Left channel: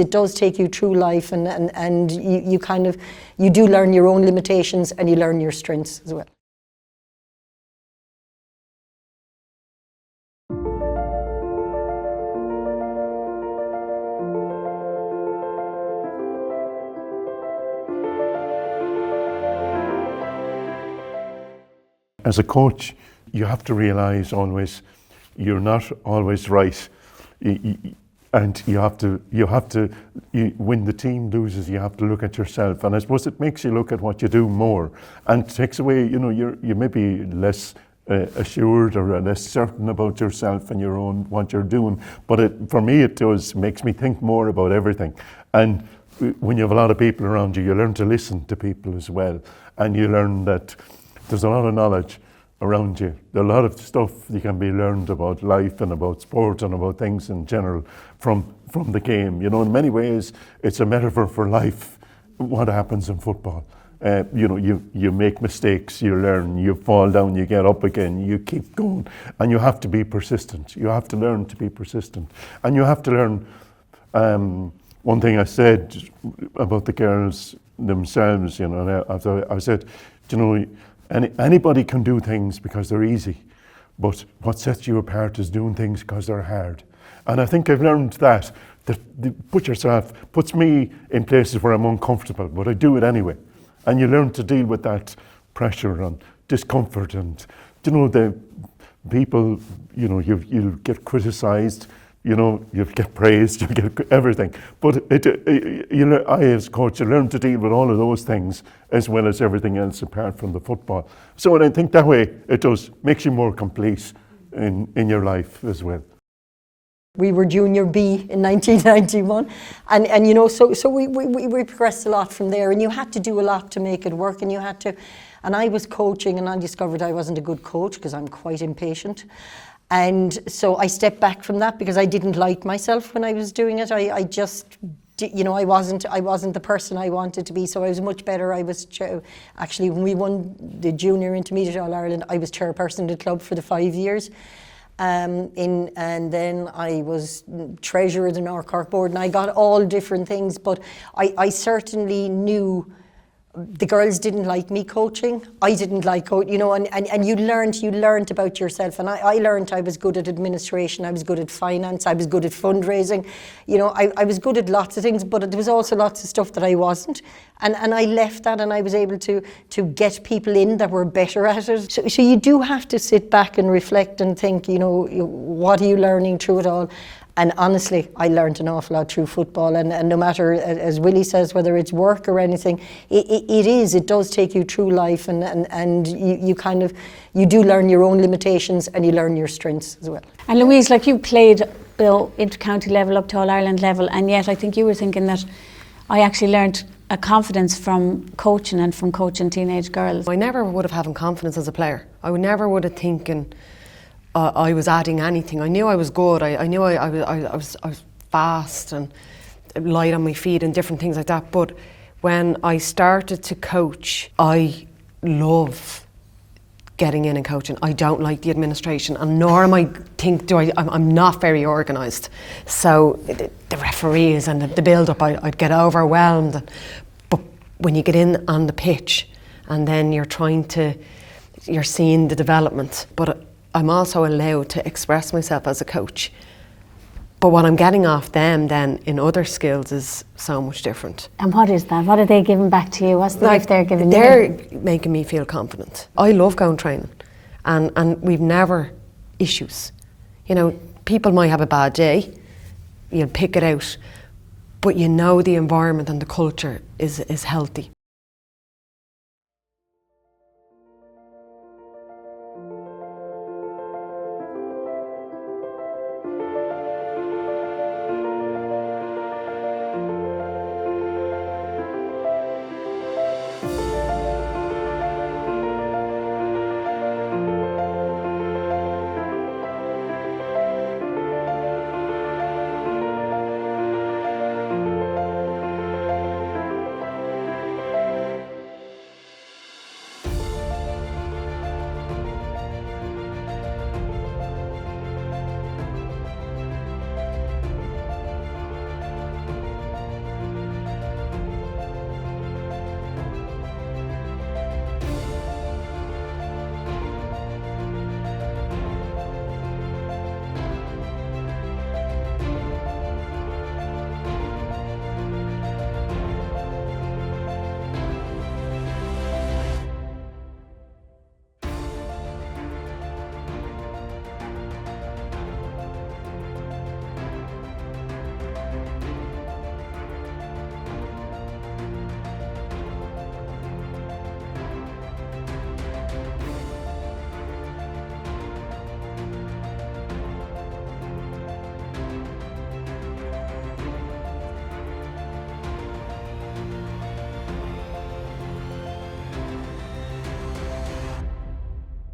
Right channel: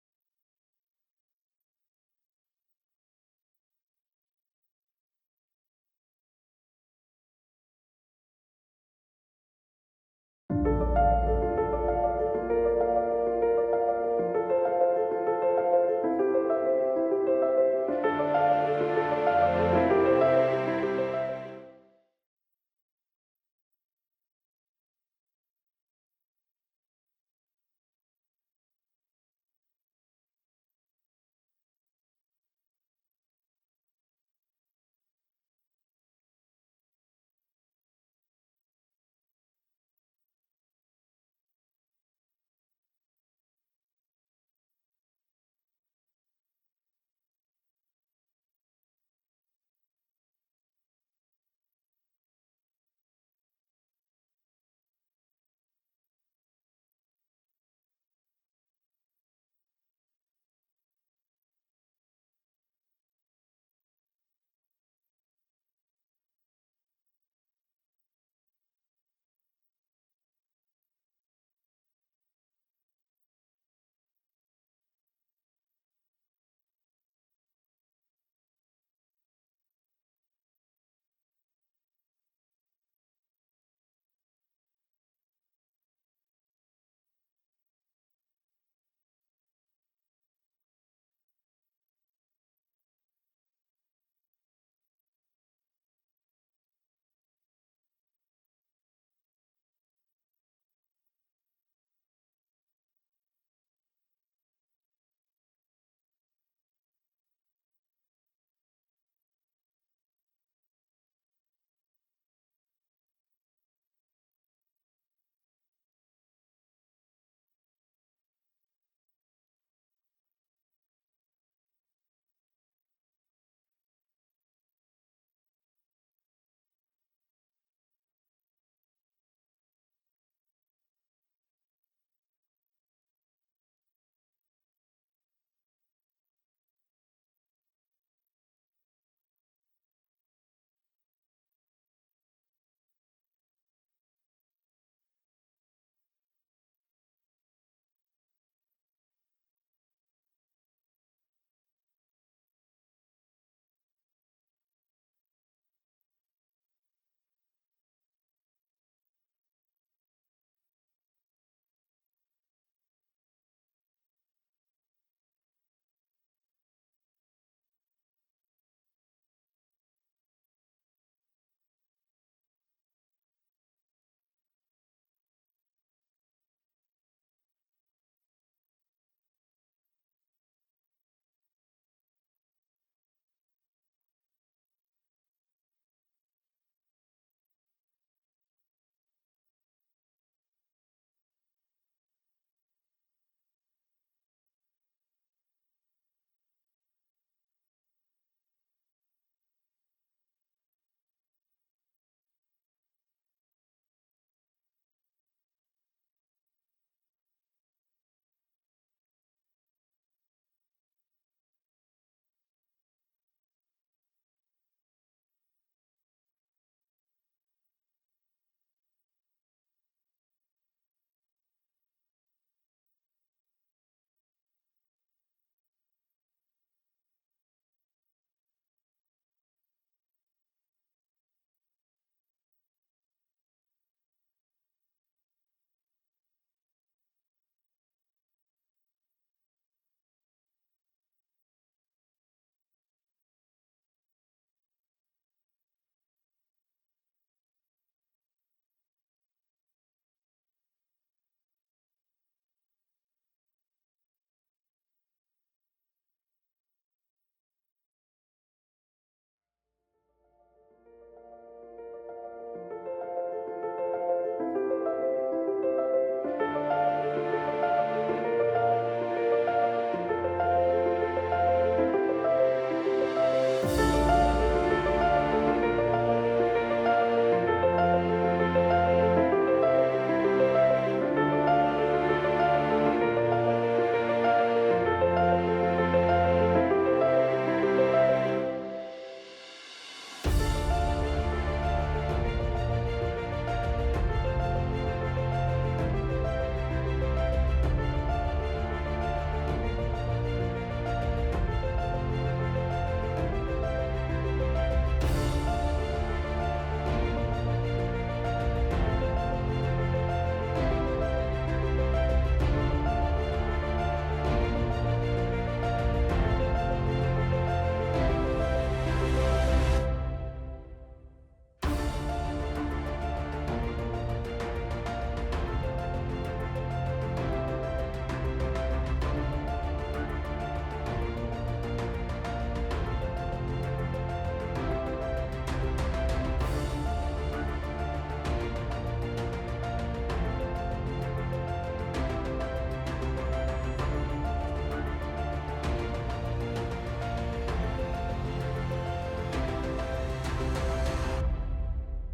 It does take you through life, and you do learn your own limitations and you learn your strengths as well. As a coach, you have to realise always you're not always right, and when the team loses, you have to look at yourself, and I suppose it makes you look at what you do more, and takes away, you may be less assured or less certain about yourself and your own what you're doing. But for me, it makes me think more about everything. And when you have a lot of people around you, you learn to listen to people as well, and you learn that there's a lot of knowledge around you. There's a lot of stuff you can be learned about life and about sport and about things in general from the game. In many ways, it's a metaphor for life, what happens in football. You make mistakes, you learn, you fall down, you get up again, you keep going, and you have to be persistent. You have to learn to be persistent. And you have to learn, one thing I said about the girls themselves, I said, anybody can do things because they're easy, but what sets you apart is doing things because they're hard. And I think I've learned that puts me in places where I'm uncomfortable, but I do it anyway. And you learn to deal with that pressure and discomfort, and the people, you'll get criticised, you'll get praised, you'll get everything. But I as coach, you learn to deal with all of those things as well as everything else apart from the football. So I think that way it makes you more complete in your life as well. We were Junior B in 1991, and so we progressed a lot from there, and you had to do a lot to make it work, and I was coaching, and I discovered I wasn't a good coach because I'm quite impatient. And so I stepped back from that because I didn't like myself when I was doing it. I wasn't the person I wanted to be, so I was much better. Actually, when we won the Junior Intermediate All-Ireland, I was chairperson of the club for the 5 years. And then I was treasurer of the North Cork board, and I got all different things, but I certainly knew the girls didn't like me coaching. I didn't like coaching, and you learned about yourself. And I learned I was good at administration, I was good at finance, I was good at fundraising. I was good at lots of things, but there was also lots of stuff that I wasn't. And I left that, and I was able to get people in that were better at it. So you do have to sit back and reflect and think, what are you learning through it all? And honestly, I learned an awful lot through football, and no matter, as Willie says, whether it's work or anything, it does take you through life, and you do learn your own limitations and you learn your strengths as well. And Louise, like you played inter-county level up to All-Ireland level, and yet I think you were thinking that I actually learned a confidence from coaching and from coaching teenage girls. I never would have had confidence as a player. I never would have thinking I was adding anything. I knew I was good. I knew I was fast and light on my feet and different things like that. But when I started to coach, I love getting in and coaching. I don't like the administration, and nor am I'm not very organised. So the referees and the build-up, I'd get overwhelmed. But when you get in on the pitch, and then you're seeing the development, but I'm also allowed to express myself as a coach. But what I'm getting off them then in other skills is so much different. And what is that? What are they giving back to you? What's the gift they're giving you? They're making me feel confident. I love going training, and we've never issues. People might have a bad day, you'll pick it out, but the environment and the culture is healthy.